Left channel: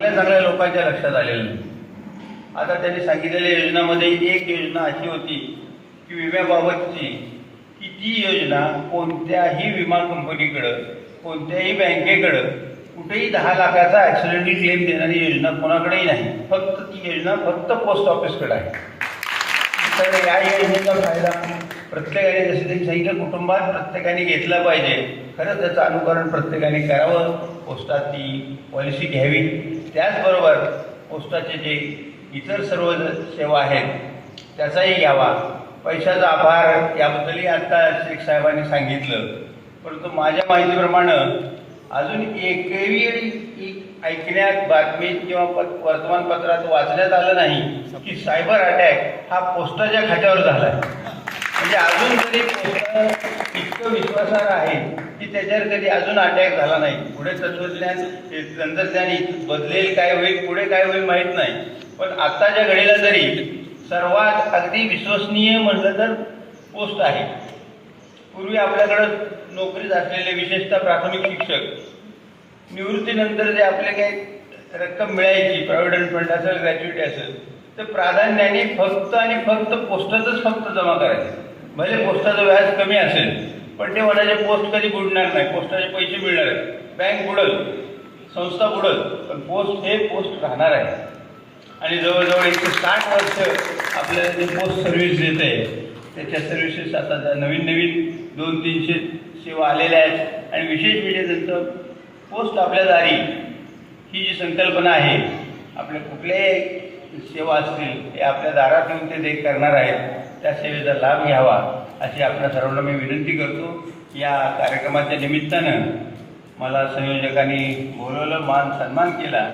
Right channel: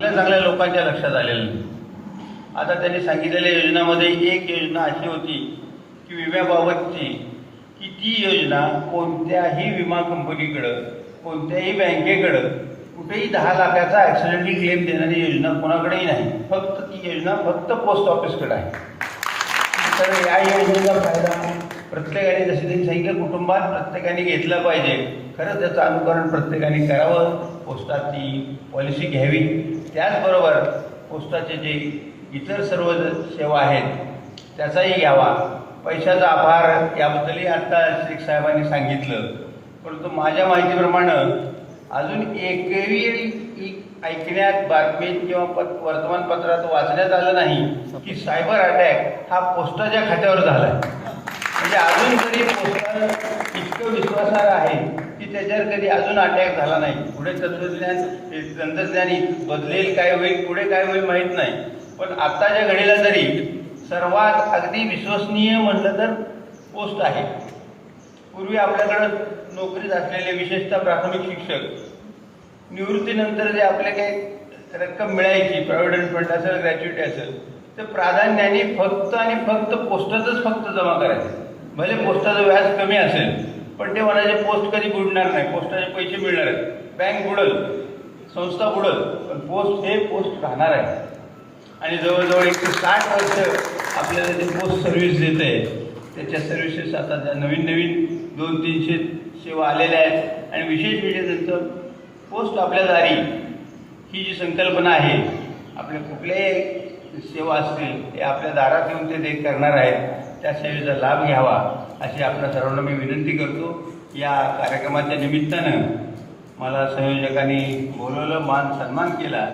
सगळ्या लोकांच्या लक्षात आलेलं नाही. आता त्यांनी सांगितलेल्या योजनामध्ये एक योजना अशी होती की विम्याबाबतची की ती योजना कोणत्याही विमा कंपनीकडं कोणत्याही बँकेकडं कुठेही दहा लाखाचा ॲक्सिडेंटली क्लेम देणारी योजना कोणाकडेही नाही. फक्त ती योजना फक्त पोस्ट ऑफिसकडे आहे. तर या योजनेचा फायदा प्रत्येकाने जसं त्यांनी सांगितलं कुटुंबात प्रत्येकाने घेतला पाहिजे. खरंच त्याचं अनुकरण प्रत्येकाने करावं. पोस्टात ती पॉलिसी घ्यावी. त्याचबरोबर पोस्टाचे जे इतर सर्व सेवा आहेत त्याचाही घ्यावा. पैशाचा आभार याबद्दलही आता शेख साहेबांनी सांगितलं. परंतु माझ्या माहितीप्रमाणे अजून एकही ऐकण्यात बातमीत किंवा पत वर्तमानपत्रात वाचण्यात आलं नाही की सायबर अटॅक हा पोस्टाच्या खात्यावर झाला म्हणजे अजून तरी इतकं विश्वासार्ह आहे की त्याच्यावर कधी अजून अटॅक झाला नाही. पुढे तंत्रज्ञान तंत्रज्ञान बदलेल काय होईल पुढे काय होईल माहीत नाही. पण आत्ताच्या घडीला तरी सर्वात अगदी विश्वसनीय म्हटलं तर पोस्ट आहे. पूर्वी आपल्याकडं नोकरीत असलेले विशेषतः प्राथमिक शिक्षक निवृत्तीनंतर जे आपले काही रक्कम मिळायची प्रॉव्हिडंट फंड असेल ग्रॅज्युटी असेल ते प्राधान्याने फक्त आणि फक्त पोस्टातच फक्त जमा करायचं. भले पोस्टाचं व्याज कमी असेल पण ते म्हणायचे पोस्ट कधी बुडणार नाही पोस्टाचे पैसे मिळणार बँक बुडल संस्था बुडल पण पोस्ट हे पोस्ट राहणार आहे. आणि जवळजवळ एकशे साठ वर्ष आपल्याला जे पोस्ट सर्व्हिस देत. आहे त्याच्या सर्व्हिसेस आता आता नवीन नवीन दोन तीनशे सेवा आलेल्या आहेत. आणि विशेष म्हणजे त्यांचं पोस्ट आपल्या दारी ही जी संकल्पना आहे आपल्या कुठल्याही सेवा असतील ते आपल्या दारात येऊन ते देख करणार आहेत त्या सेवेचा लाभ घ्यावा अशी आपल्या सर्वांना मी विनंती करतो. या कार्यक्रमाच्या निमित्तानं मला संयोजकांनी बोलवलं मान सन्मान केला.